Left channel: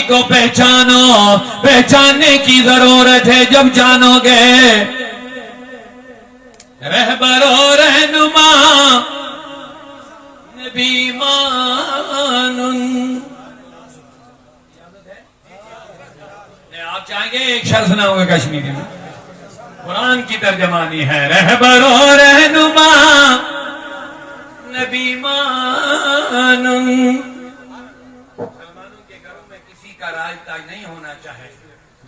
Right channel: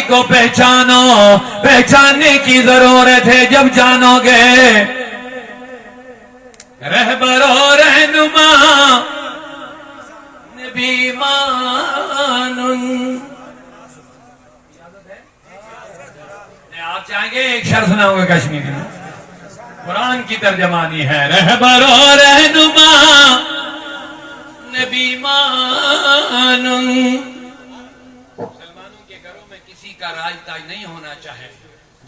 نبی کو پہچانو، پہچاننے کی ضرورت ہے جب جانو گے رہبر و رہنما نبی آپ چاہیں گے ایک شعر سناؤں گا کشمیری میں، قرآن کی ترجمانی ہے، رہبر و رہنما نبی مسلمانوں کے گھروں میں کسی کا راج تاج نہیں ہونا چاہے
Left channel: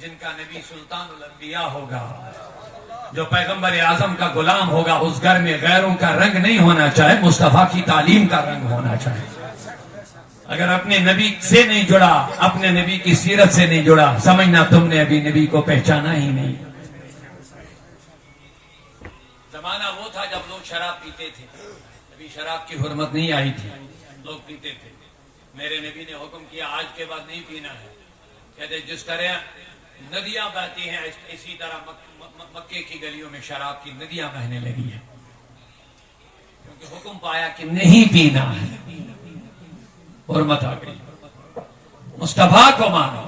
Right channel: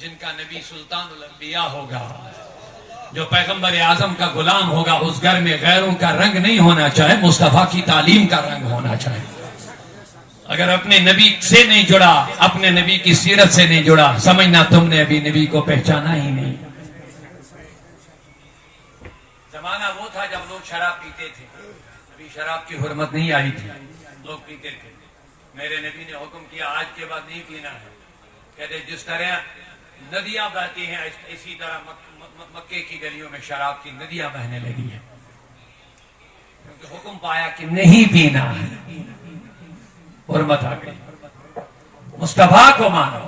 جن کا نبی سلطان الانبیاء ہوگا، جو پیغمبر اعظم کا غلام ہوگا، اس گھر میں غیروں کا رنگ نہیں ہونا چاہے، مصطفیٰ کی تعلیم کا رنگ ہونا چاہے۔ اگر اپنے نبی سے نہیں جڑا، اپنے نبی کی سیرت سے نہیں جڑا، سمجھنا تم نے ابھی نبی کو پہچانا ہی نہیں۔ زمانہ وہ تھا جب لوگ شراب پیتے تھے، ابھی شراب کی حرمت نہیں آئی تھی، لوگ پیتے تھے۔ میرے نبی نے حکم کیا آج کے بعد نہیں پینا ہے، کہتے جس طرح ندیاں بہتی ہیں اسی طرح مکے کی گلیوں میں شراب کی ندیاں بہنے لگی ہیں، کیونکہ حکم پایا کہ نہیں پینا ہے، حرمت آ گئی۔ مصطفیٰ کو مانو،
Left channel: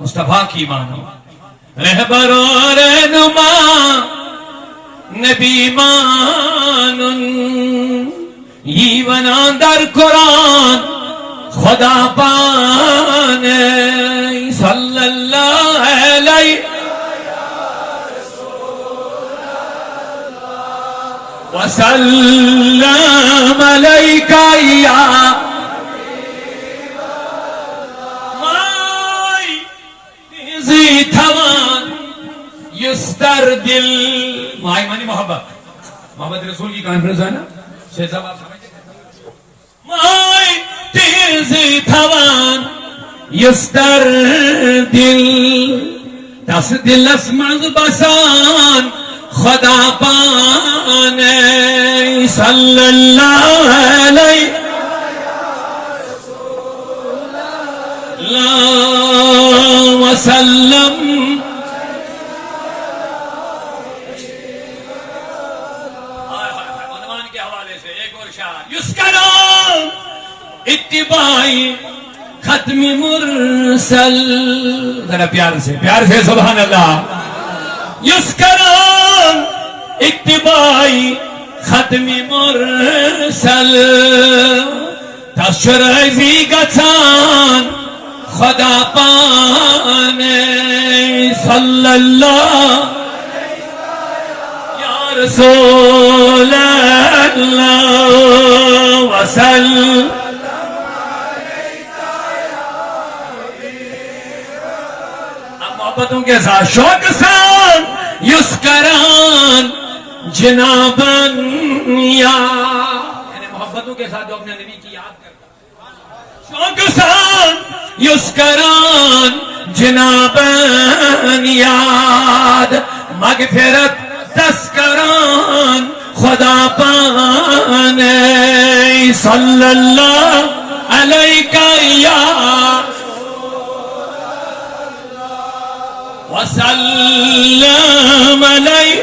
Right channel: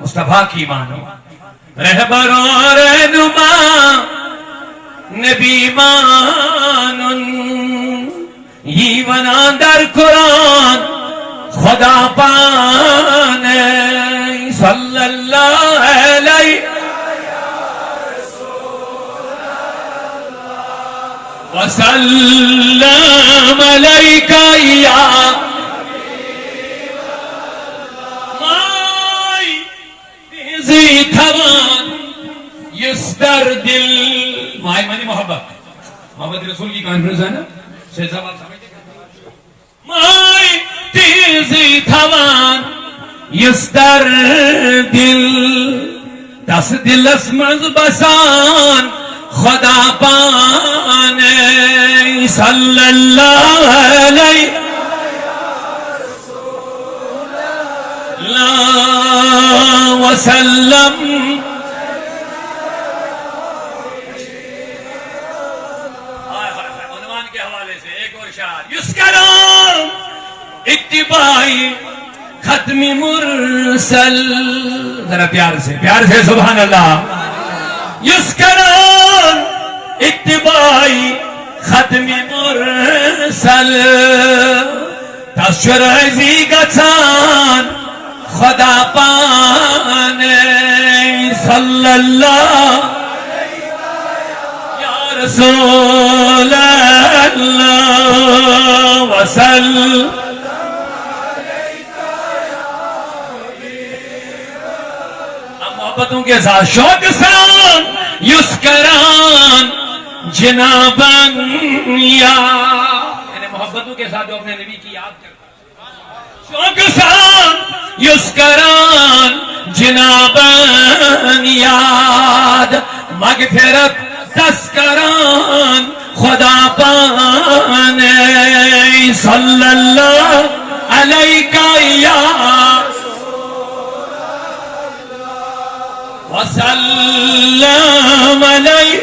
مصطفیٰ کی مانو، رہبر و رہنما نبی مانن یہ بنا در قرآن خدا پانے صلی اللہ علیہ وسلم علیکہ یا مائی تھوان یستر دل، مائی منی محبت، محمد رسول کی کانفرنس ہے نا، شیخ صاحب آپ سمجھتے ہیں، مائی تیزی تھوان یستر دل دس دل اسمز بسان خدا پانے صلی اللہ علیہ وسلم۔ عنوان کے حوالے سے ایک اور شعر، یسکرون اتباعی ختم مرسل، ذرا پیار سے سبحان اللہ، یسکرون اتباعی ختم مرسل تشرزی گچان خدا پانے صلی اللہ یا رسول اللہ وسلم۔ محبتوں کے ساتھ شوق سان یسکران جنابن یا، یعنی محبتوں کے ساتھ جو اپنے نبی کی یاد کرتا ہے، شوق سان یسکران جنابن یاد مغفرت تذکران خدا پانے صلی اللہ علیکہ یا وسلم علیہ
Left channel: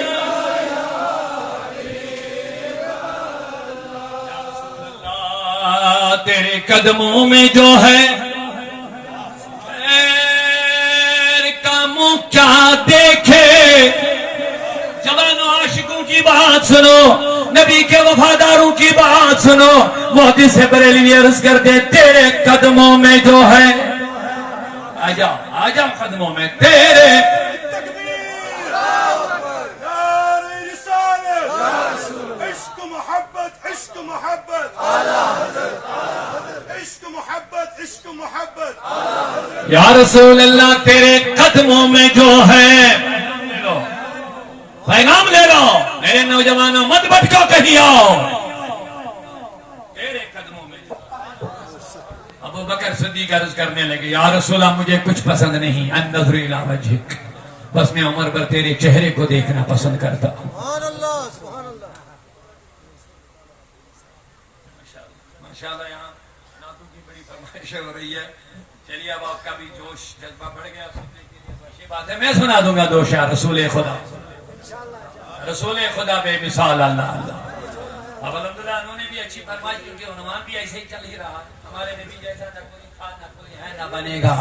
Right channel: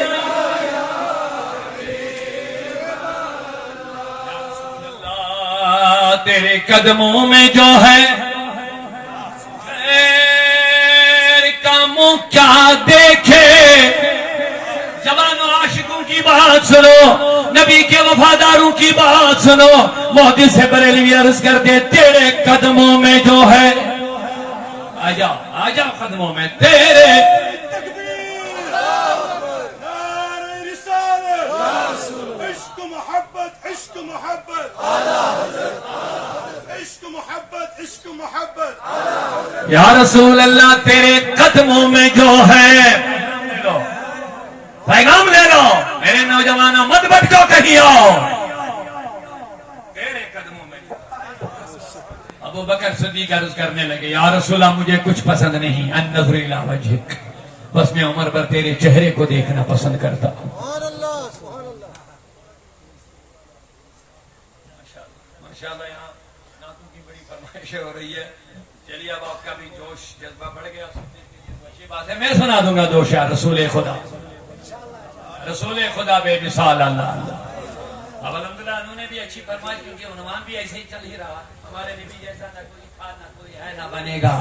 تیرے قدموں میں جو ہے خیر کاموں کیا دیکھے، جوان عاشقوں کی بات سنو، نبی کے وفاداروں کی بات سنو، محدث سے بریلوی عرض کرتے تیرے قدموں میں جو ہے، آجاؤ قدموں میں تیرے، عشق محبت عشق محبت عشق محبت عشق محبت یا رسول اللہ تیرے قدموں میں جو ہے، پیغام لے لو میرے نوجوانوں، مت بھٹکو کہیں آؤ، تیرے قدموں میں۔ ابو بکر صدیق عرض کرنے لگے یا رسول اللہ مجھے کچھ پسند نہیں، النظر الی وجہک، بس میں عمر پر تیرے چہرے کو دیکھنا پسند کرتا ہوں۔ ماشاءاللہ یہاں نعتوں کی بڑی فرمائش ہو رہی ہے، چلیے اب آپ کا بھی جوش جذبہ بڑھ گیا، اچھی بات ہے، میں سنا دوں گا دو شعر رسول خدا، رسول خدا بے مثال اللہ اللہ۔ اب الحمدللہ انہوں نے بھی اچھی فرمائش، کیونکہ عنوان بھی ایسے ہی چل ہی رہا، ہمارے نبی جیسا نہ کوئی تھا نہ کوئی ہے نہ بنے گا،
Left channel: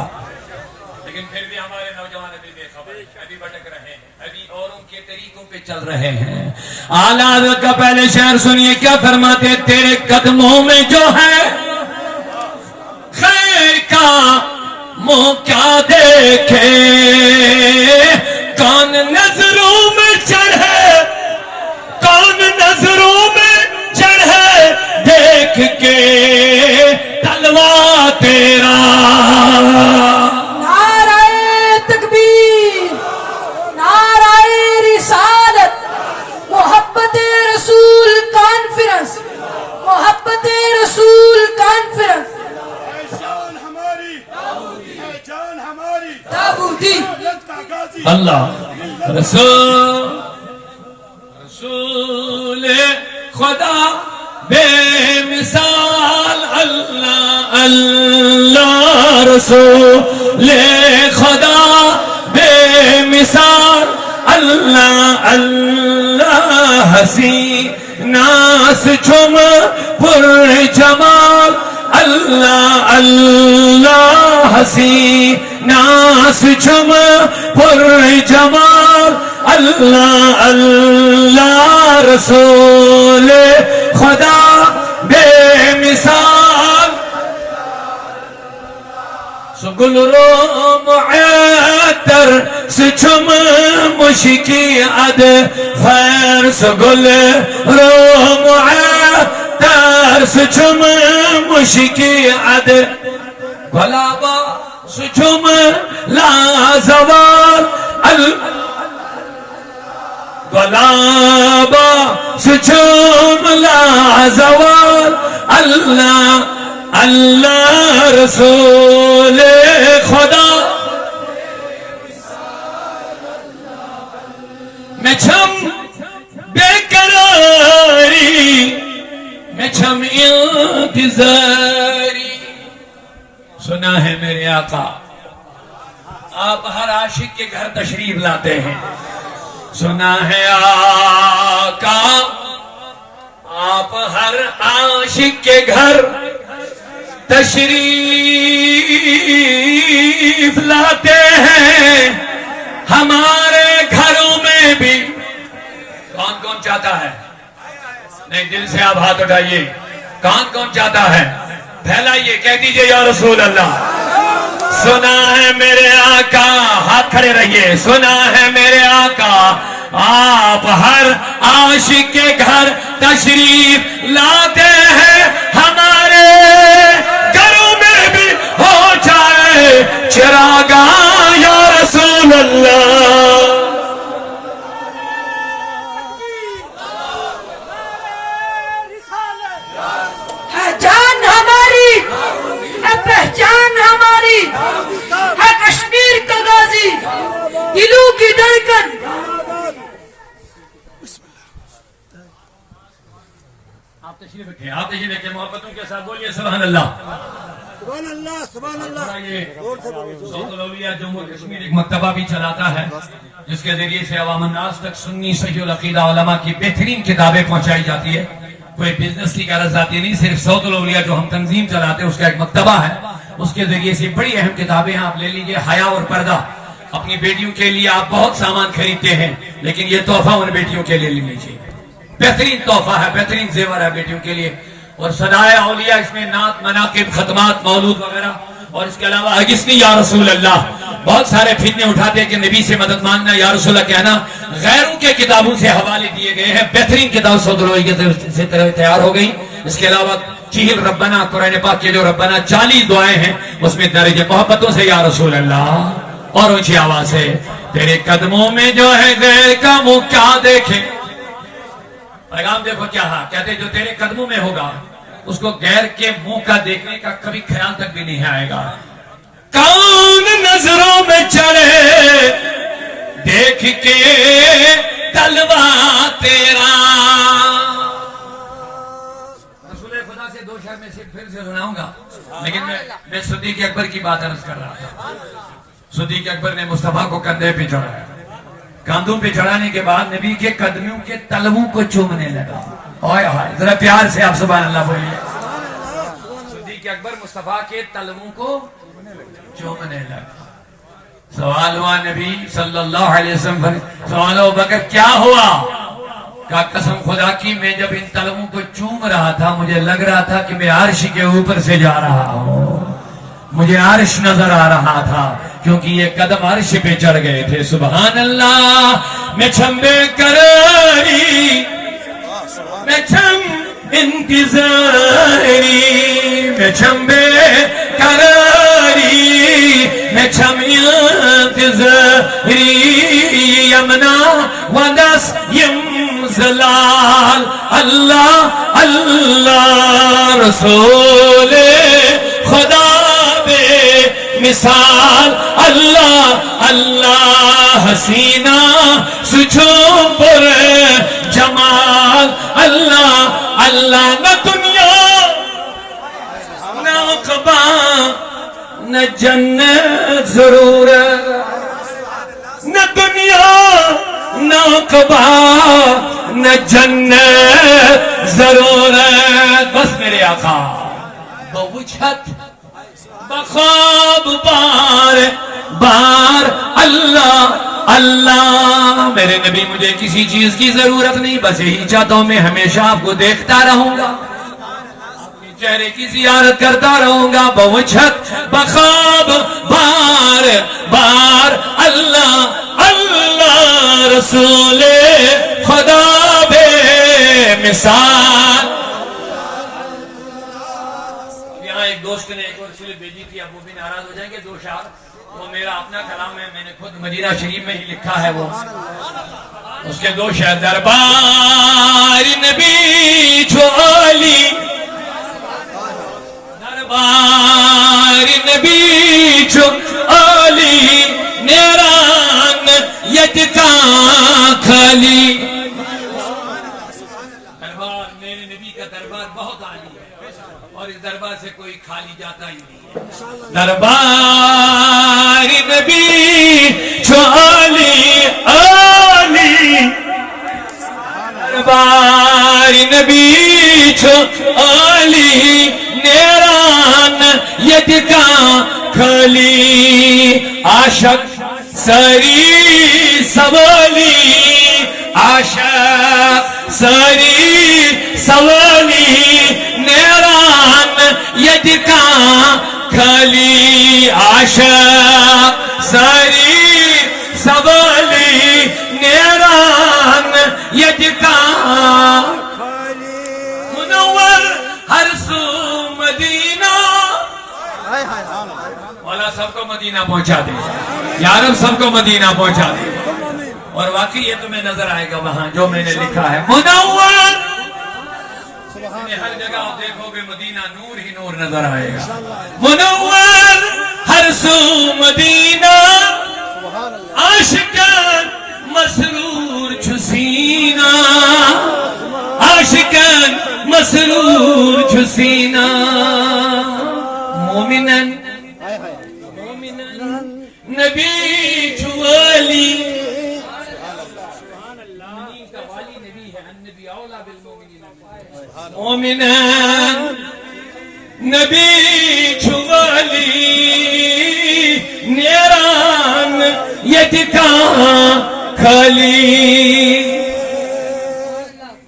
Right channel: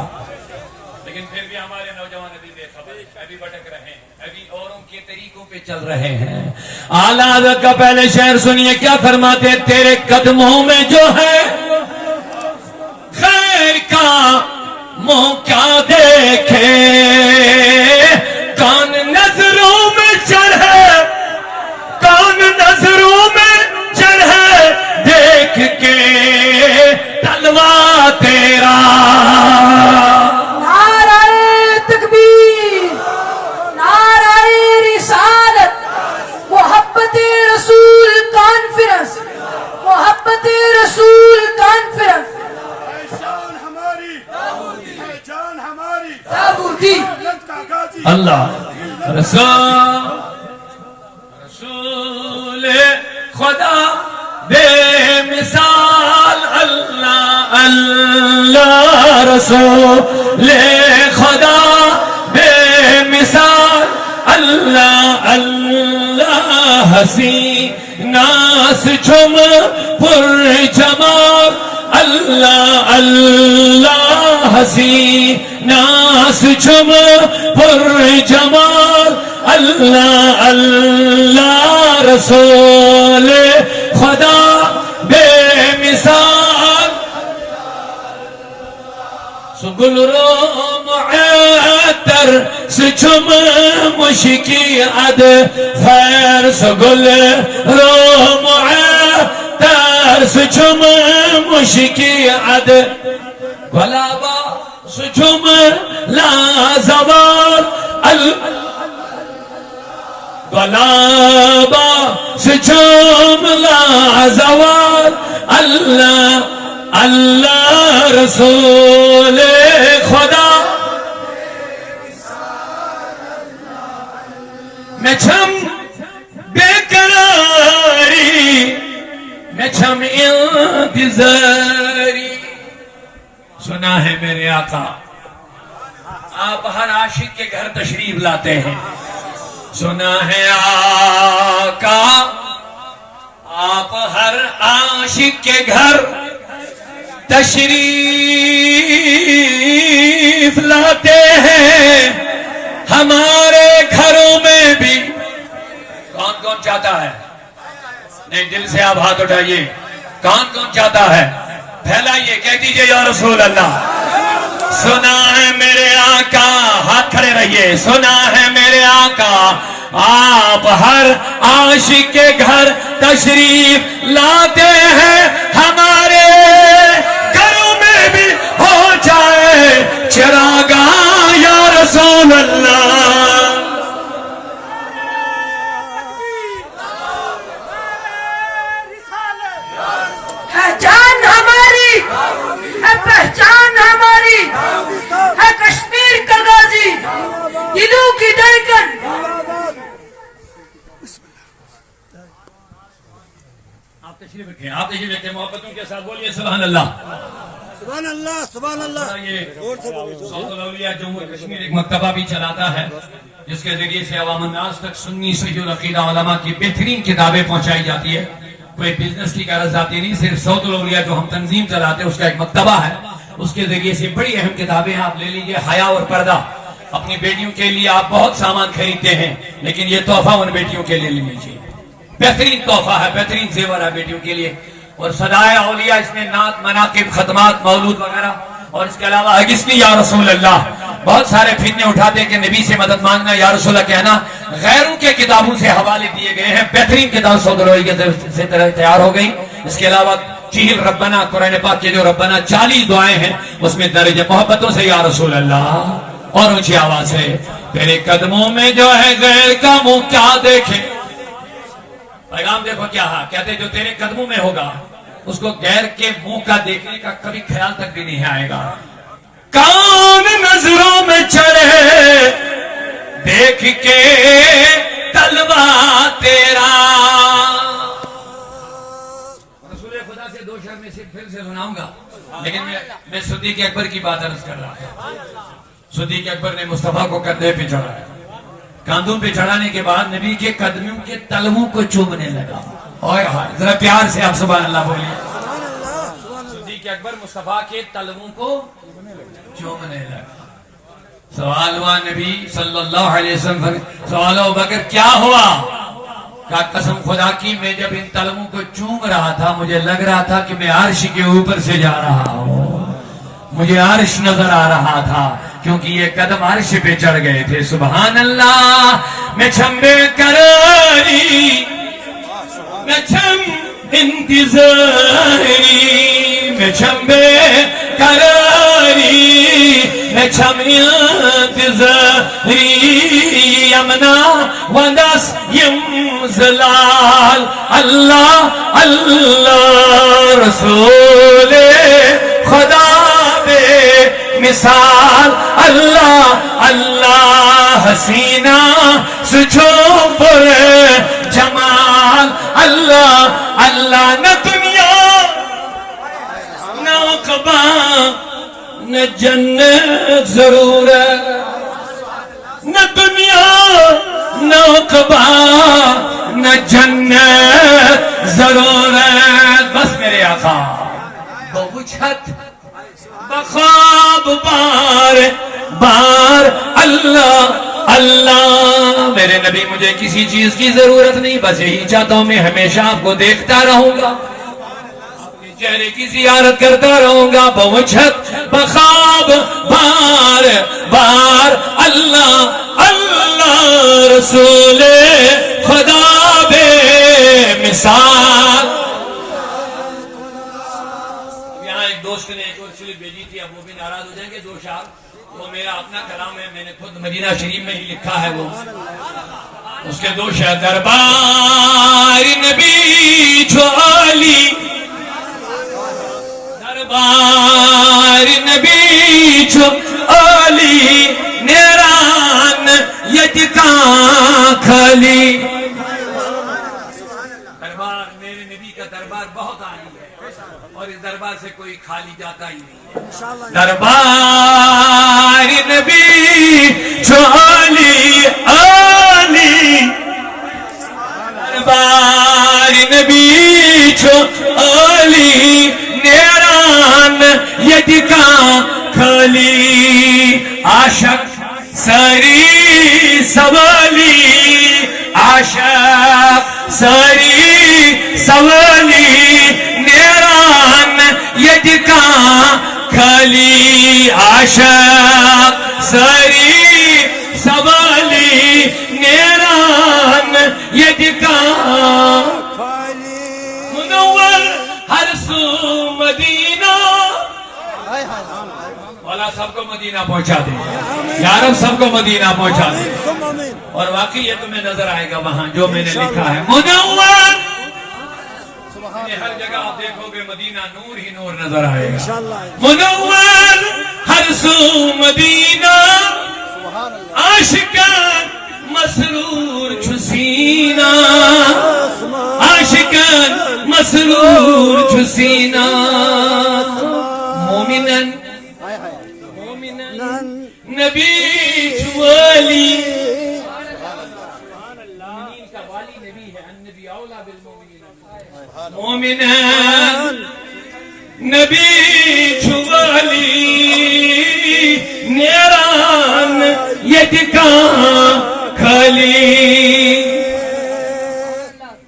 لیکن پھر بھی ہمارے نوجوان ابھی بے خبر ہیں، ابھی بھٹک رہے ہیں، ابھی اوروں کے طریقوں پہ چل رہے ہیں. اعلیٰ حضرت کا پہلے شعر سنیے کیا فرماتے ہیں. تیرے قدموں میں جو ہے خیر کا منہ کیا دیکھے، کون نظروں میں چڑھے، کون نظروں میں چڑھے دیکھ کے تلوا تیرا. نعرہ تکبیر، نعرہ رسالت، محبت رسول کانفرنس، محبت رسول کانفرنس. جان ہماری، جان ہماری، تابوتی ملت کا غازی. اللہ رسول خدا بے مثال. اللہ اللہ رسول خدا بے مثال. اللہ اللہ حسینہ سے جھوم پر جمال. اللہ اللہ حسینہ سے جھوم پر جمال. اللہ اللہ رسول خدا بے مثال. سگل رو معطر سے جھوم مشکی عد خیر. سگل رو معطر سے جھوم مشکی عد گلابا سے جھوم لازوال. گلابا سے جھوم لازوال. اللہ اللہ رسول خدا میں چھم بے قراری، میں چھم انتظاری. سنا ہے میرے آقا آپ ہر عاشق کے گھر تشریف لاتے ہیں. سنا ہے آقا آپ ہر عاشق کے گھر تشریف لاتے ہیں. ہمارے گھروں میں بھی کون کون چاہتا ہے؟ نہیں دل سے آپ ہاتھ اٹھائیے. کون کون چاہتا ہے؟ پھیلائیے، کہہ دیجئے یا رسول اللہ. سنا ہے میرے آقا، ہاتھ کھڑے رہیے. سنا ہے میرے آقا آپ ہر عاشق کے گھر تشریف لاتے ہیں. ہمارے گھروں میں بھی ہو جائے چراغاں یا رسول اللہ. ہے جان ہماری، ہے پہچان ہماری، ہے کشمیر کا غازی، دلوں کی دھڑکن. آپ تشریف رکھیں، آپ تشریف رکھیں. محبتوں کے ساتھ بولیے سبحان اللہ. سبحان اللہ، سبحان اللہ. یہ سعود الاولیاء جمہور کشمیر ایک مکتبہ بھی چلاتا ہے جس کے ذریعے سے عوام الناس تک سنی صحیح العقیدہ علماء کی بہترین کتابیں پہنچائی جاتی ہے. کوئی بزنس کی غرض آتی نہیں، صرف سعود الاولیاء جو ہم تنظیم چلاتے ہیں اس کا ایک مکتبہ ہے. اس کے ذریعے سے بڑی اہم کتابیں آپ لے لیجئے. حیا اور پردہ. اپنی بیٹیوں کے لیے آپ بہت سامان خریدتے ہیں لیکن یہ تحفہ ان بیٹیوں کے لیے لینی چاہیے. بہترین تحفہ ہے، بہترین زیور ہے بیٹیوں کے لیے. اور صدائے اولیاء اس میں نعت، مناقب، ختمات، مولود وغیرہ. اور اس کے علاوہ اگسنی یا رسول اللہ. بہت سارے فتنے اٹھاتے ہیں کہ نبی سے مدد مانگنا، یا رسول اللہ کہنا. غیروں کے کتابوں سے حوالے دیے گئے ہیں. بہترین کتاب سعود الاولیاء سے تیار ہو گئی. اس کے علاوہ چہل ربنا، قرآن پاک کے جو ربنا 40 دعائیں ہیں اس میں درج محبتوں سے یا رسول اللہ. اور اونچی آواز ہے تیرے قدموں میں جو ہے غیر کا منہ کیا دیکھے. پیغام دیکھو کیا ہے، کہتے جو تیرے قدموں میں ہوگا اس کو غیر کے منہ کا دیکھنے کا کبھی خیال تک بھی نہیں آئے گا. کون نظروں میں چڑھے دیکھ کے تلوا تیرا. رسول خدا سے دو شعر میں صرف پھر سے سناؤں گا لیکن میں صدیق اکبر کی بات عرض کر رہا تھا. صدیق اکبر نے مصطفیٰ کو کندھے پہ چڑھایا. کاندھوں پہ چڑھانے کے بعد نبی کے قدموں کے تلووں کو چومنے لگا. اوئے ہائے، ذرا پیار سے آپ سبحان اللہ بولیے. صدیق اکبر مصطفیٰ کے تلووں کو چومنے لگا. سوال ہوا نبی صلی اللہ علیہ وسلم سے، سوال ابو بکر کیا ہوا؟ کہا قسم خدا کی میں جب ان تلووں کو چوم رہا تھا مجھے لگ رہا تھا کہ میں عرش کے اوپر سے جا رہا ہوں، مجھے عرش نظر آ رہا تھا کیونکہ یہ قدم عرش پہ چڑھ گئے تھے۔ سبحان اللہ۔ میں چھمبے قراری میں چھم انتظاری میں چھمبے قراری میں چھم انتظاری یمنا ودس یم زلال اللہ اللہ رسول خدا بے مثال اللہ اللہ حسینہ سجو پر جمال اللہ اللہ نہ دنیا نہ عقبہ نہ جنت ضرور نہ دنیا نہ عقبہ نہ جنت ضرور بس میرے آقا بوجھت بخواب بار بار اللہ اللہ میرے نبی مجھے کسی چیز کی ضرورت نہیں، بس یہی چاہتا ہوں میں ہمیشہ آپ کو دیکھتا رہوں گا، آپ کے چہرے کی زیارت کرتا رہوں گا۔ بوجھت بخواب بار بار اللہ اللہ رسول خدا بے مثال۔ یہاں ایک دوست نے ایک اور سلپ بھیجی تھی، اب وہ بھی ناراض ہو جائیں گے، دو شعر، وہ میرا اپنا کلام ہے، میں نے خود مدینہ شریف میں ہی لکھا ہے، وہ اس کے دو شعر۔ دربار نبی جو عالی دربار نبی جو عالی نیران یتکا کھلی۔ دربار میرے نبی کا دربار بہت عالی ہے اور اس دربار سے کوئی خالی جاتا ہی نہیں ہے۔ دربار نبی جو عالی عالی دربار نبی جو عالی نیران یتکا کھلی۔ عاشق سری سوالی عاشق سری سوالی نیران یتکا کھلی۔ عاشق سری سوالی نیران یتکا منور ہر سو مدینہ۔ مولا سب کو مدینہ پہنچا دے یا رب، سب کو مدینہ پہنچا دے۔ اور واقعی یہ تمہیں نظر آئے گا وہاں جو میں نے لکھا ہے منور، ہر جگہ آپ دیکھو گے مدینہ نور ہی نور نظر آئے گا۔ منور ہر سو مدینہ عاشقان مسرور چھسینہ عاشقان مسرور چھسینہ۔ مومنن نبی چوالی مومنان نبی چوالی نیران یتکا کھلی۔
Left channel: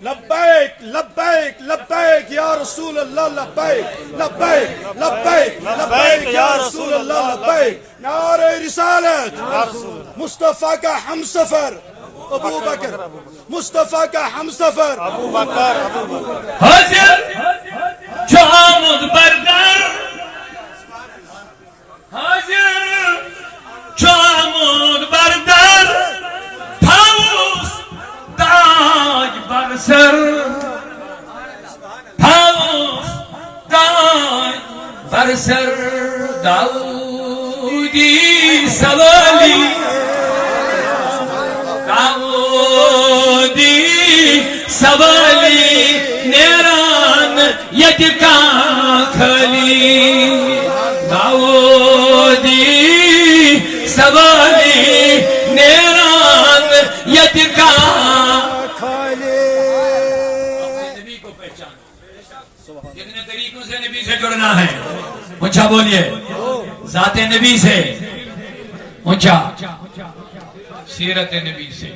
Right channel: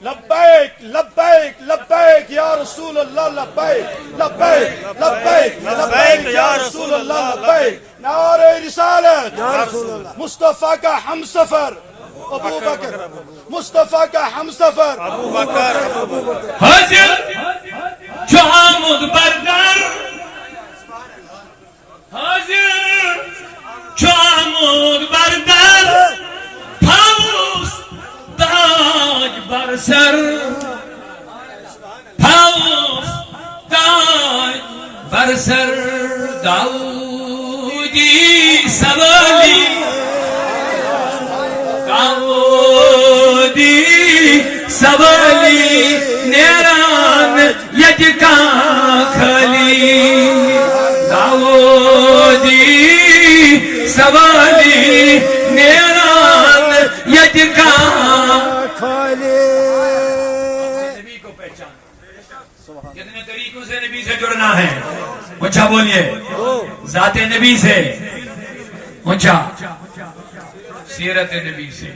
لبیک لبیک لبیک یا رسول اللہ لبیک لبیک لبیک لبیک یا رسول اللہ لبیک۔ نعرہ رسالت مصطفیٰ کا ہم سفر ابو بکر، مصطفیٰ کا ہم سفر ابو بکر۔ حاضر جو آمد بردر حاضر جو آمد بردر پاوس تاج بر سر پاوس تاج بر سر۔ داودی سوالی داودی سوالی نیران یتکا کھلی۔ داودی سوالی نیران یتکا نبی کو پہچان، جتنے طریقوں سے نبی سے جڑنا ہے اچھا بولیے، ذات نبی سے پوچھا سیرت نبی سے،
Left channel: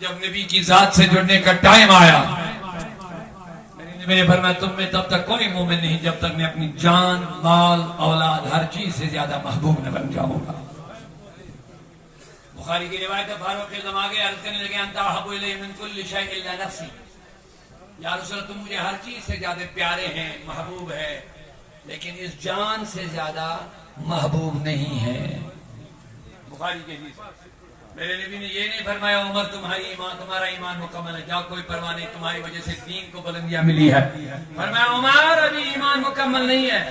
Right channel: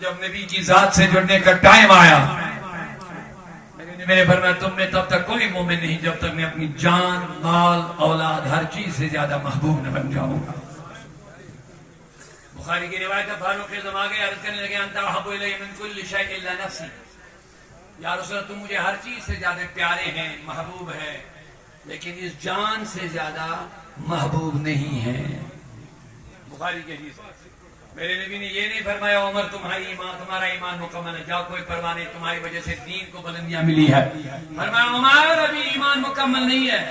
جب نبی کی ذات سے جڑنے کا ٹائم آیا، میرے فرمایا تم میں تب تک کوئی مومن نہیں جب تک میں اپنی جان، مال، اولاد، ہر چیز سے زیادہ محبوب نہ بن جاؤں گا۔ بخاری کی روایت ہے، فاروق اعظم آگے عرض کرنے لگے انت احب الی من کل شیء الا نفسی، یا رسول اللہ تم مجھے ہر چیز سے زیادہ پیارے ہیں، محبوب ہے، لیکن اس جان سے زیادہ محبوب نہیں ہے۔ بخاری کی حدیث، میرے نبی نے یہ نہیں فرمایا عمر تمہارا ایمان مکمل ہے، جاؤ کوئی پرواہ نہیں، تمہاری وجہ سے دین کو بلندیاں ملی ہے۔ فرمایا عمر ابھی ایمان مکمل نہیں ہے۔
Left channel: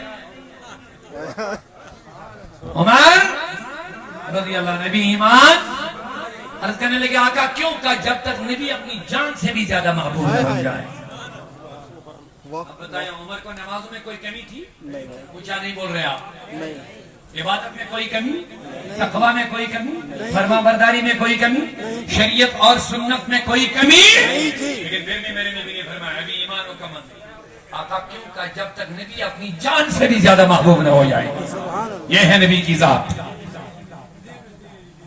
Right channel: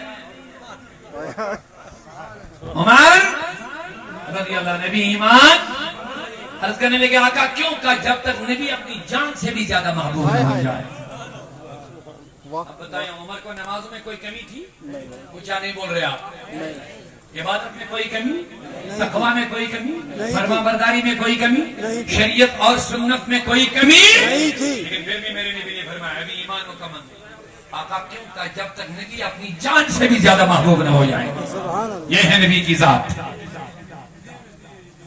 عمر رضی اللہ نبی ایمان عرض کرنے لگے آقا کیوں؟ کہا جب تک نبی اپنی جان سے بھی زیادہ محبوب نہ بن جائے۔ اب بتائیں عمر کو نمازوں میں کوئی کمی تھی؟ پوچھا نہیں بول رہے آپ؟ عبادت میں کوئی کمی؟ تقویٰ میں کوئی کمی؟ فرما برداری میں کوئی کمی؟ شریعت اور سنت میں کوئی کمی؟ لیکن پھر بھی میرے نبی نے فرمایا ابھی ایمان مکمل نہیں۔ آقا کیوں؟ کہا جب تک نبی اپنی جان سے بھی زیادہ محبوب نہ ہو جائے۔ یہ ہے نبی کی ذات۔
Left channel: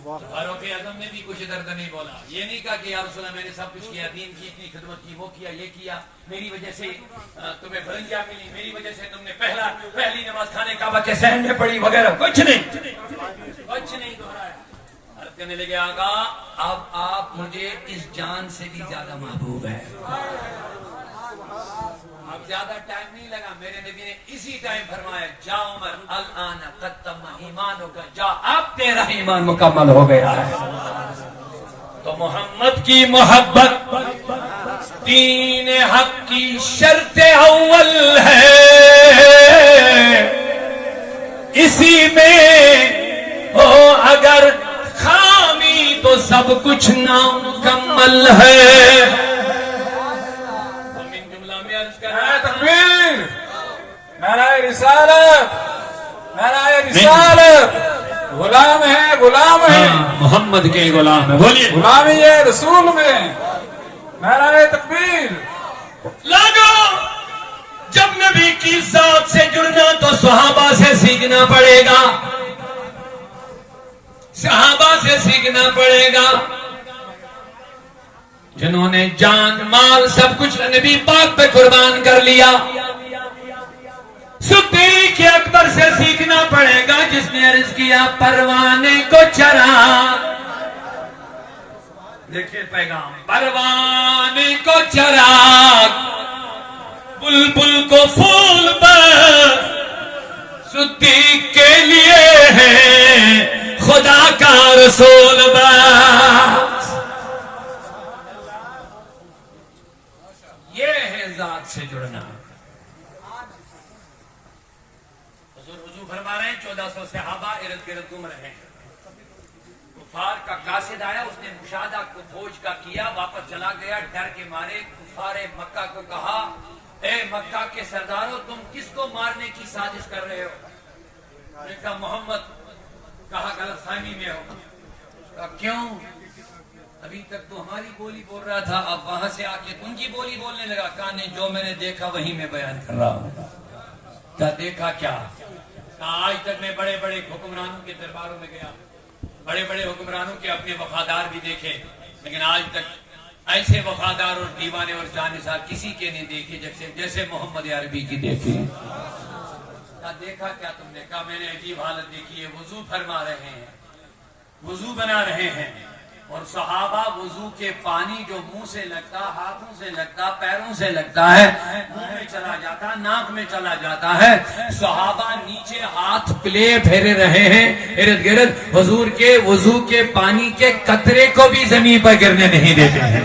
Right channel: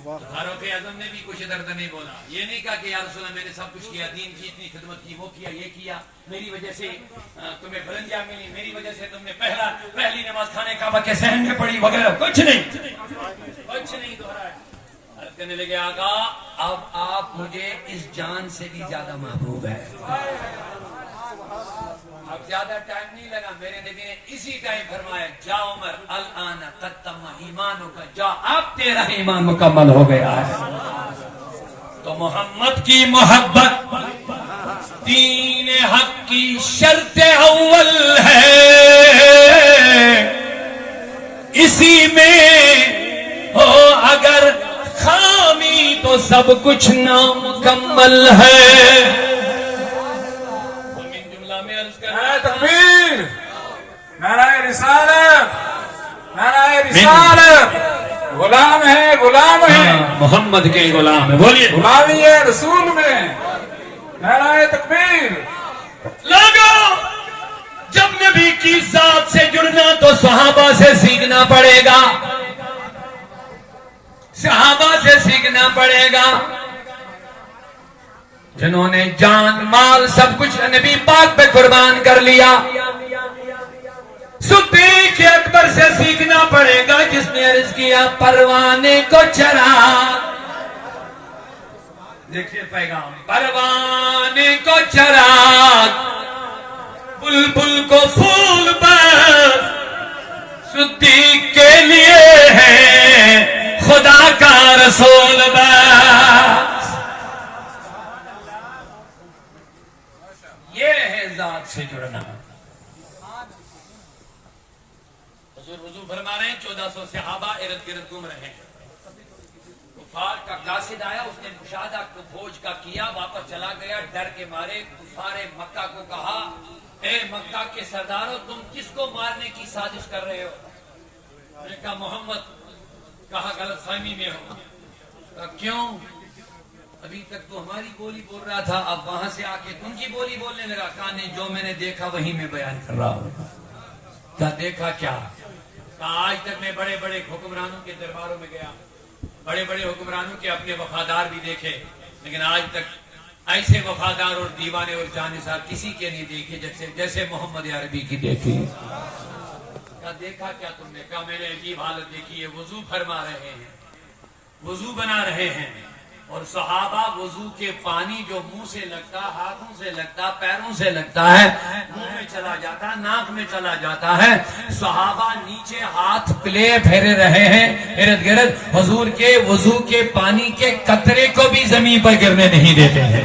فاروق اعظم نے بھی کچھ درد نہیں بولا، یہ نہیں کہا کہ یا رسول اللہ میں نے سب کچھ کیا، دین کی اتنی خدمت کی، وہ کیا، یہ کیا، میری وجہ سے تمہیں بلندیاں ملی، میری وجہ سے تم نے پہلی نماز کھانے کعبہ کے صحن میں پڑھی وغیرہ، کچھ نہیں دہرایا۔ عرض کرنے لگے آقا اب آپ مجھے اس جان سے بھی زیادہ محبوب ہے۔ اب زیادہ ٹائم نہیں لگا، میرے نبی نے اسی ٹائم فرمایا جا عمر الان قد تم ایمانک، جا اب تیرا ایمان مکمل ہو گیا ہے۔ تو محمد کی محبت دین حق کی شرط اول ہے، اسی میں ہو اگر خامی تو سب کچھ نامکمل ہے۔ تکبیر، نعرہ رسالت، نعرہ رسالت، غلام ہے، غلام ہے، محمد کے غلام ہے، بولیے غلامی ہے رسول میں، نعرہ تکبیر۔ لوگوں جب نبی کی ذات سے جڑنا تو صحابہ سے سیکھنا پڑے گا، صحابہ سے سیکھنا پڑے گا، جنہوں نے جان، مال، سب کچھ نبی پاک پہ قربان کر لیا۔ صدیق اکبر سے سیکھنا پڑے گا جس نے عرض کیا پروانے کو چرا، دیکھیے پیغام، پروانے کو چراغ، بلبل کو پھول پر، صدیق کے لیے ہے خدا کا رسول بس۔ یہ ہے ذات سے جڑنا۔ حضور وضو فرما رہے ہیں، 1400 صحابہ ارد گرد گھوم رہے ہیں، کفار کا قاصد آیا، اس نے مشاہدہ کو فوج کا کیا، واپس چلا گیا، ڈر کے مارے کفار مکہ کو کہا اے مکہ کے سرداروں تم کس کو مارنے کی سازش کر رہے ہو؟ انہوں نے کہا محمد، کہا غلط فہمی میں ہو، کہا کیوں؟ ابھی تک تو ہماری بولی بول رہا تھا، اب وہاں سے آ کے تم کی بولی بولنے لگا۔ کہا نہیں، جو میں نے دیکھا وہی میں بیان کر رہا ہوں۔ کہا دیکھا کیا؟ کہا آج تک میں بڑے بڑے حکمرانوں کے درباروں میں گیا، بڑے بڑے حکمرانوں کے اپنے وفادار بھی دیکھے، لیکن آج تک ایسے وفادار اور دیوانے اور جانثار کسی کے نہیں دیکھے جیسے محمد عربی کی دیکھی۔ کہا دیکھا کیا تم نے؟ کہا میں نے عجیب حالت دیکھی ہے، وضو فرما رہے ہیں، وضو بنا رہے ہیں، اور صحابہ وضو کے پانی جو منہ سے لگتا، ہاتھوں سے لگتا، پیروں سے لگتا ہے، منہ میں چلا جاتا، ناک میں چلا جاتا ہے، صحابہ نیچے ہاتھ پلے پھیرے رہے ہیں ارد گرد، حضور کے وضو کے پانی کے قطرے کو بھی زمین پر گرنے نہیں دیتے ہیں۔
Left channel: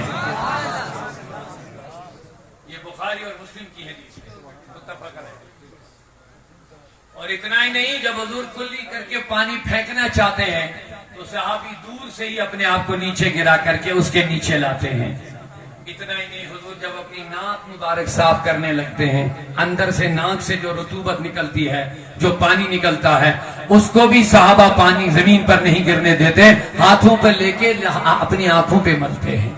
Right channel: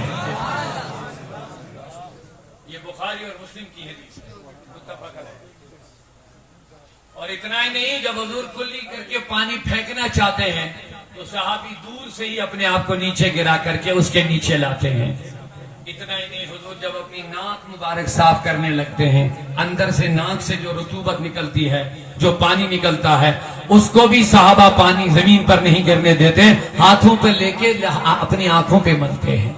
یہ بخاری اور مسلم کی حدیث ہے، متفق ہے۔ اور اتنا ہی نہیں، جب حضور کلی کر کے پانی پھینکنا چاہتے ہیں تو صحابی دور سے ہی اپنے آپ کو نیچے گرا کر کے اس کے نیچے لاتے ہیں۔ اتنا ہی نہیں، حضور جب اپنی ناک مبارک صاف کرنے لگتے ہیں، اندر سے ناک سے جو رطوبت نکلتی ہے، جو پانی نکلتا ہے، اس کو بھی صحابہ پانی زمین پر نہیں گرنے دیتے، ہاتھوں پر لے کے اپنی آنکھوں پہ ملتے ہیں۔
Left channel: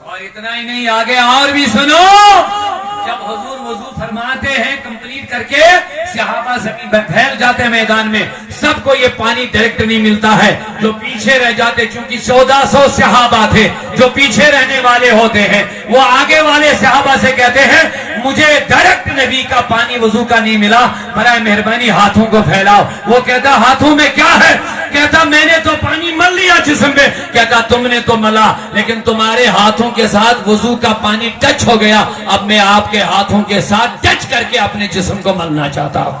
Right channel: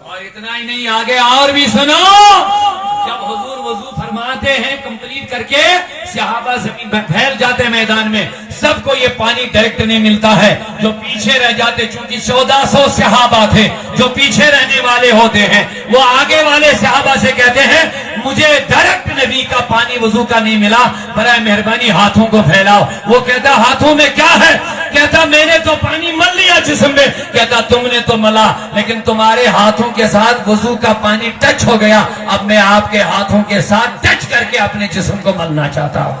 اور اتنا ہی نہیں، آگے اور بھی سنو، جب حضور وضو فرماتے ہیں کمپلیٹ کر کے صحابہ زمین پہ پھیل جاتے ہیں میدان میں. سب کو یہ پانی ڈائریکٹ نہیں ملتا ہے. جو پیچھے رہ جاتے, چونکہ 1400 صحابہ تھے, جو پیچھے رہنے والے ہوتے ہیں وہ آگے والے صحابہ سے کہتے ہیں مجھے ڈائریکٹ نبی کا پانی وضو کا نہیں ملا, برائے مہربانی ہاتھوں کو پھیلاؤ. وہ کہتا ہاتھوں میں کیا ہے؟ کہتا میں نے تو پانی مل لیا جسم میں. کہتا تم نے تو ملا, لیکن تمہارے ہاتھوں کے ساتھ وضو کا پانی ٹچ ہو گیا. اب میں آپ کے ہاتھوں کے ساتھ ٹچ کر کے اپنے جسم کو ملنا چاہتا ہوں.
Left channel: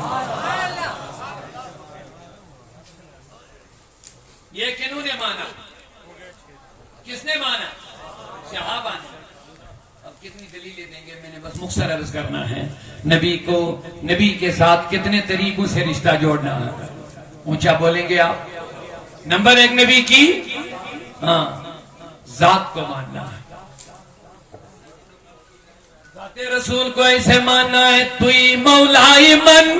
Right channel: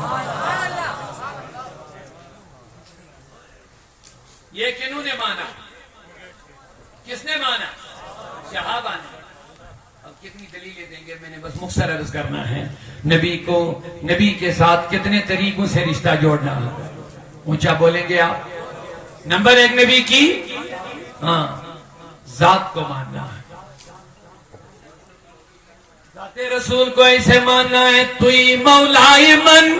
یہ کنہوں نے مانا؟ کس نے مانا؟ صحابہ نے. اب کتنی دلیلیں دیں گے, میں نے بس مختصر عرض کرنا ہے. نبی کو, نبی کے ساتھ کتنے طریقوں سے رشتہ جوڑنا ہے. اونچا بولیں گے آپ. نمبر 1 نبی کی ذات کو ماننا ہے. ذات رسول کو ایسے ماننا ہے توئی مولا من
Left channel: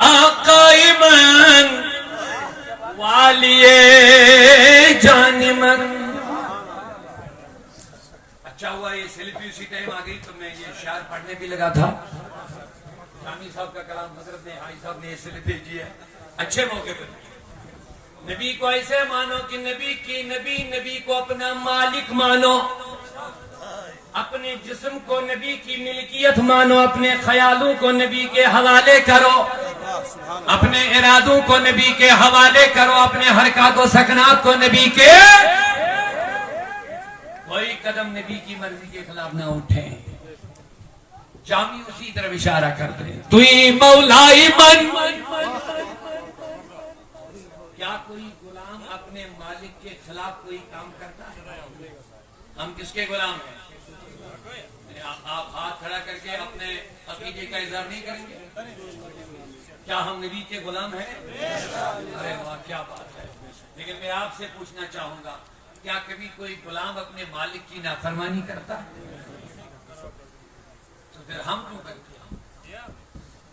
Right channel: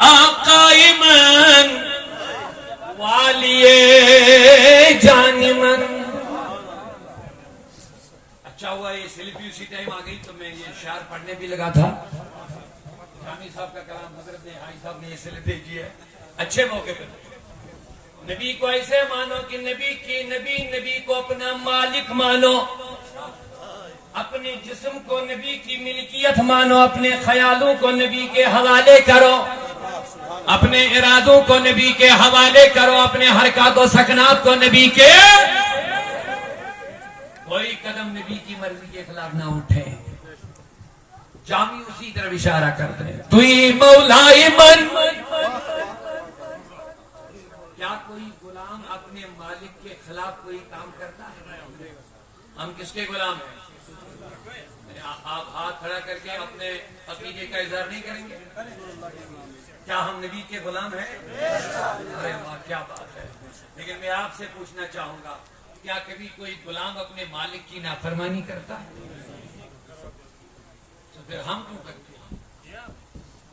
آقا من والی جان من. اچھا ہوا یہ سیلفی اسی ٹائم آ گئی تو میں یہ اشعار پڑھنے بھی لگا تھا. شامی صاحب کا کلام حضرت ہائی صاحب نے یہ سیلفی کی ہے اچھے موقع پر. نبی کو ایسے مانو کہ نبی کو اپنا مالک مانو, اپنے جسم کو نبی کی ملکیت مانو, اپنے خیالوں کو نبی کے حوالے کرو, اپنے ارادوں کو نبی کے حوالے کرو, اپنے حرکات و سکنات کو نبی کے. کوئی قدم نبی کی مرضی کے خلاف نہ اٹھے. جامی اسی طرف اشارہ کرتے ہیں توئی مولا من. کیا کوئی غلام اپنے مالک کے خلاف کوئی کام کرتا ہے؟ ہم کس کے غلام ہیں؟ آپ ہاتھ کھڑا کر کے اپنے عقیدے کا اظہار نہیں کریں گے؟ کیا ہم نبی کے غلام ہیں؟ ارے واہ کیا بات ہے. لیکن میں آپ سے پوچھنا چاہوں گا, کیا کبھی کوئی غلام اپنے مالک کی نافرمانی کرتا ہے؟ تو پھر ہم کیوں کرتے ہیں؟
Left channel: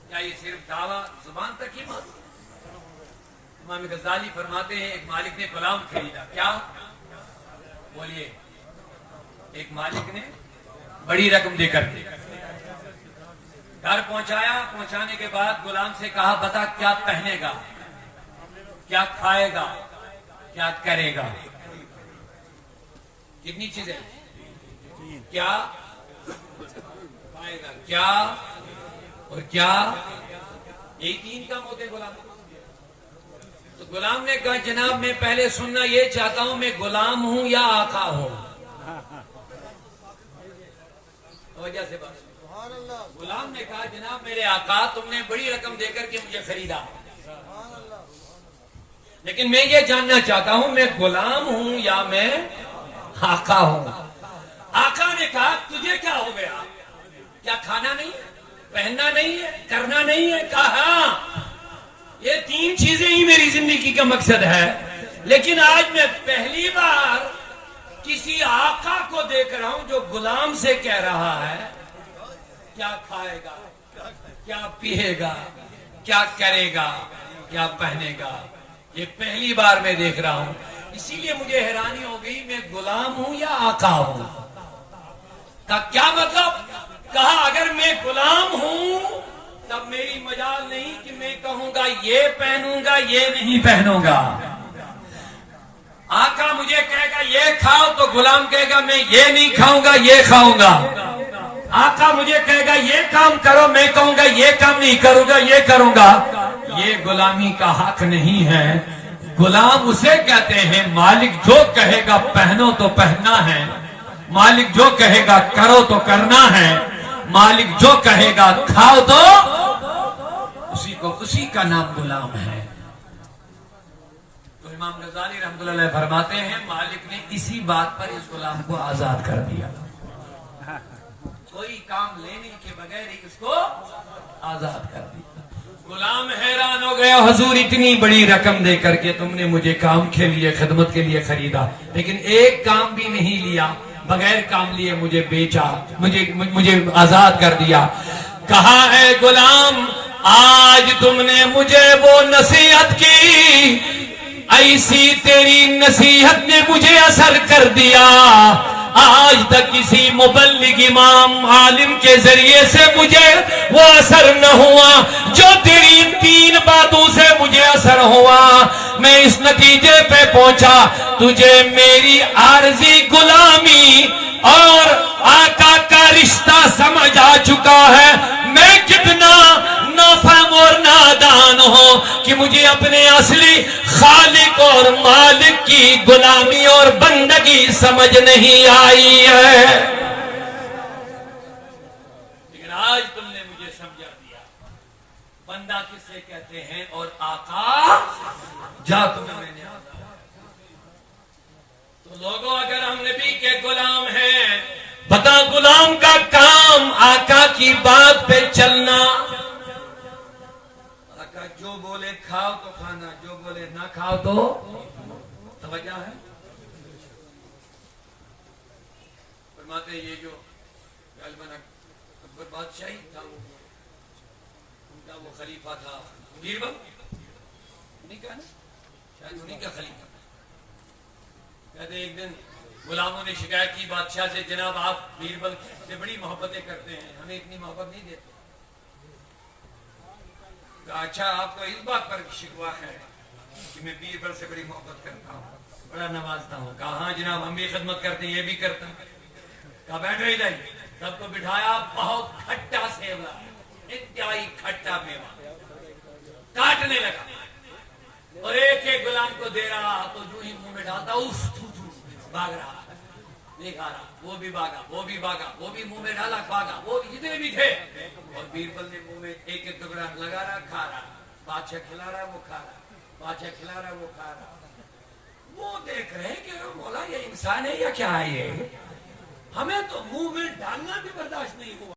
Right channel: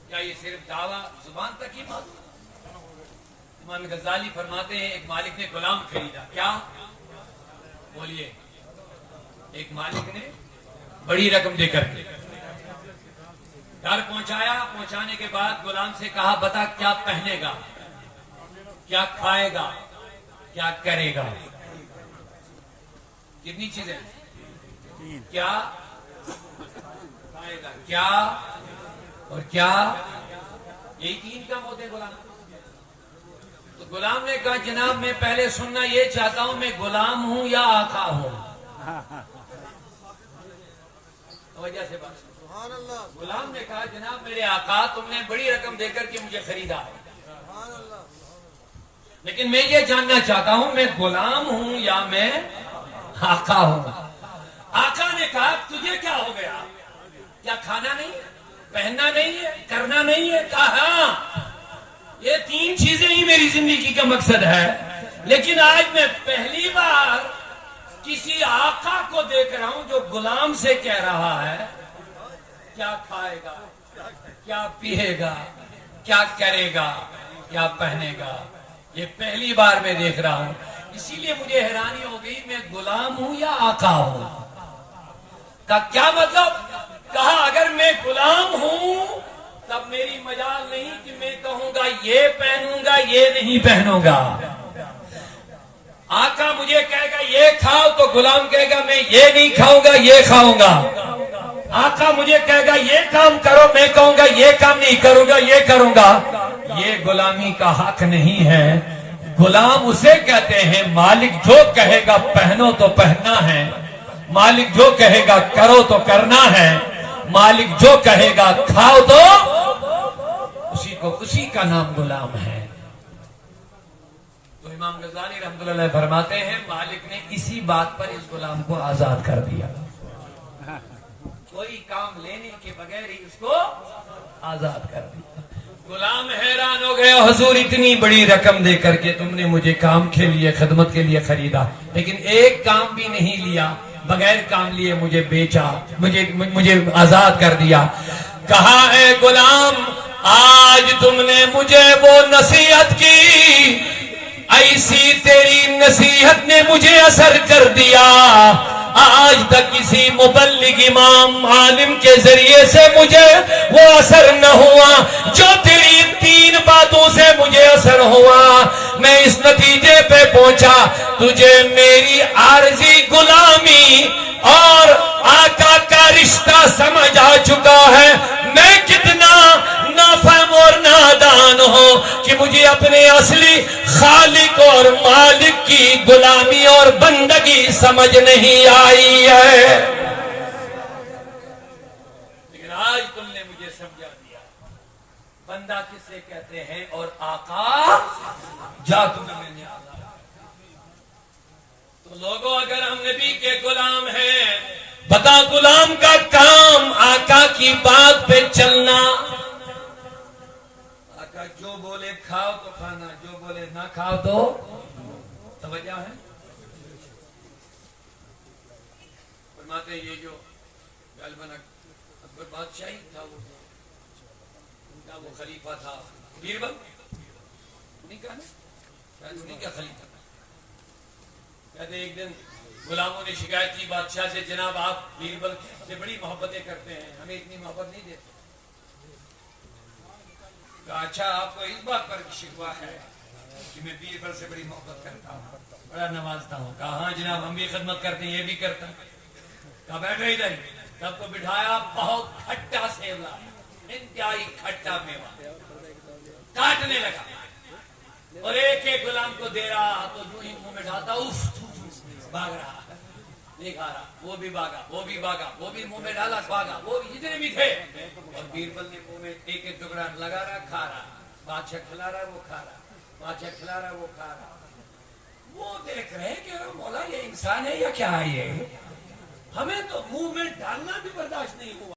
کیا یہ صرف دعویٰ زبان تک ہی بات؟ امام غزالی فرماتے ہیں ایک مالک نے غلام خریدا. کیا بولیے؟ ایک مالک نے بڑی رقم دے کر کے گھر پہنچایا. پہنچانے کے بعد غلام سے کہا بتا کیا پہنے گا, کیا کھائے گا, کیا کرے گا. کتنی چیزیں؟ کیا کھائے گا, کیا اور کیا. یہی 3 کام ہوتے غلام. تو غلام نے کہا جناب میں پہلے سننا یہ چاہتا ہوں میں غلام ہوں یا آقا ہوں. وجہ سے بات. غلام نے کہا جناب میرے آقا تم نے بڑی رقم دے کر کے مجھے خریدا, لیکن میں یہ جاننا چاہتا ہوں میں غلام ہوں یا میں آقا ہوں. آقا نے کہا تجھے کیا ہو گیا, کیا کھانا نہیں ہے, پہننا نہیں ہے, کرنا نہیں ہے؟ کہا یہ 3 چیزیں ہی میری زندگی کا مقصد ہے, لیکن آج میں پہلی بار کسی آقا کو دیکھ رہا ہوں جو غلام سے کہہ رہا ہے کیا کھائے گا, کیا پیے گا, کیا کرے گا, کیا پہنے گا. یہ پہلی بار میں دیکھ رہا ہوں, اسی لیے مجھے حیرانی ہو گئی میں غلام ہوں یا آقا ہوں. کا کیا مطلب؟ کہا اگر میں غلام ہوں تب میری مجال نہیں کہ میں کہوں گا یہ پہنوں گا یہ نہیں پہنوں گا. آقا مجھے کہے گا یہ کھاؤ تو غلام کہے گا میں یہ نہیں کھاؤں گا یہ کھاؤں گا. آقا مجھے کہے گا یہ کام کرو, میں کہوں گا یہ کام نہیں کروں گا یہ کروں گا. یہ غلامی کا حق نہیں ہے. غلام اسے کہتے ہیں مالک جو کہے گا پہنو تو پہننا ہے, مالک جو کہے گا کرو تو کرنا ہے, مالک جو کہے گا کھاؤ تو اسی کا نام غلام ہے. تو امام غزالی رحمۃ اللہ فرماتے ہیں مالک نے اسی بات پر اس غلام کو آزاد کر دیا. کوئی کام لینے کے بغیر ہی اس کو آزاد کر دیا. غلام حیران ہو گیا, حضور اتنی بڑی رقم دے کر کے تم نے مجھے کام کے لیے خدمت کے لیے خریدا, لیکن ایک کام بھی نہیں لیا, بغیر کام لیے مجھے بیچا, مجھے آزاد کر دیا. کہا اے غلام آج تم نے مجھے وہ نصیحت کی, ایسی تیری نصیحت نے مجھے اثر کر دیا. آج تک کسی مبلغ امام عالم کے ذریعے سے مجھے وہ اثر نہ ہوا جو تیری 3 باتوں سے مجھے اثر ہوا. میں اس نتیجے پہ پہنچا تجھے میری عارضی غلامی اور آقا کا رشتہ سمجھ آ چکا ہے. میں کتنا نافہم اور نادان ہوں کہ مجھے اپنے اصلی خالق اور مالک کی غلامی اور بندگی سمجھ نہیں آئی ہے. لیکن آج تم نے مجھے سمجھا دیا بندہ کسے کہتے ہیں اور آقا جا تمہیں میں نے تو لوگوں اگر ہم نبی کے غلام ہیں بتا غلام کا کام آقا کی بات پہ چلنا. آقا جو بولے کھاؤ تو کھانا جو بولے نہ کھاؤ تو توجہ ہے. فرماتے ہیں یہ جو غالباً اکبر بادشاہی تھا وہ ان کا وہ خلیفہ تھا بیربل انہیں کا نا شاید انہیں کا خلیفہ. کہتے ایک دن غلاموں نے شکایت کی بادشاہ سے جناب آپ بیربل سے بڑی محبتیں کرتے ہیں ہمیں اتنی محبت نہیں دیتے. کہا اچھا آپ کو اس بات پر شکوہ ہے کہ میں بیربل سے بڑی محبت کرتا ہوں بڑا نوازتا ہوں. کہا ہاں جناب ہم بھی خدمت کرتے ہیں یہ بھی کرتا ہوں. کہا بیٹھو ادھر سب کو بٹھایا بہت کھٹا سیولا انتہائی کھٹا میوہ کاٹنے لگا اور ایک ایک غلام کو دے رہا تو جو ہی منہ میں ڈالتا اف بھاگ رہا نہیں کھا رہا وہ بھی بھاگا وہ بھی بھاگا وہ بھی منہ میں ڈالا بھاگا وہ جتنے بھی تھے اور بیربل نے منہ میں ایک ایک ٹکڑا لگا رہا کھا رہا. بادشاہ کھلا رہا وہ کھا رہا بادشاہ کھلا رہا وہ کھا رہا. وہ دیکھ رہے کہ مولا یہ انسان ہے یا کیا ہے یہ ہمیں تو منہ میں ڈالنا بھی برداشت نہیں ہوا.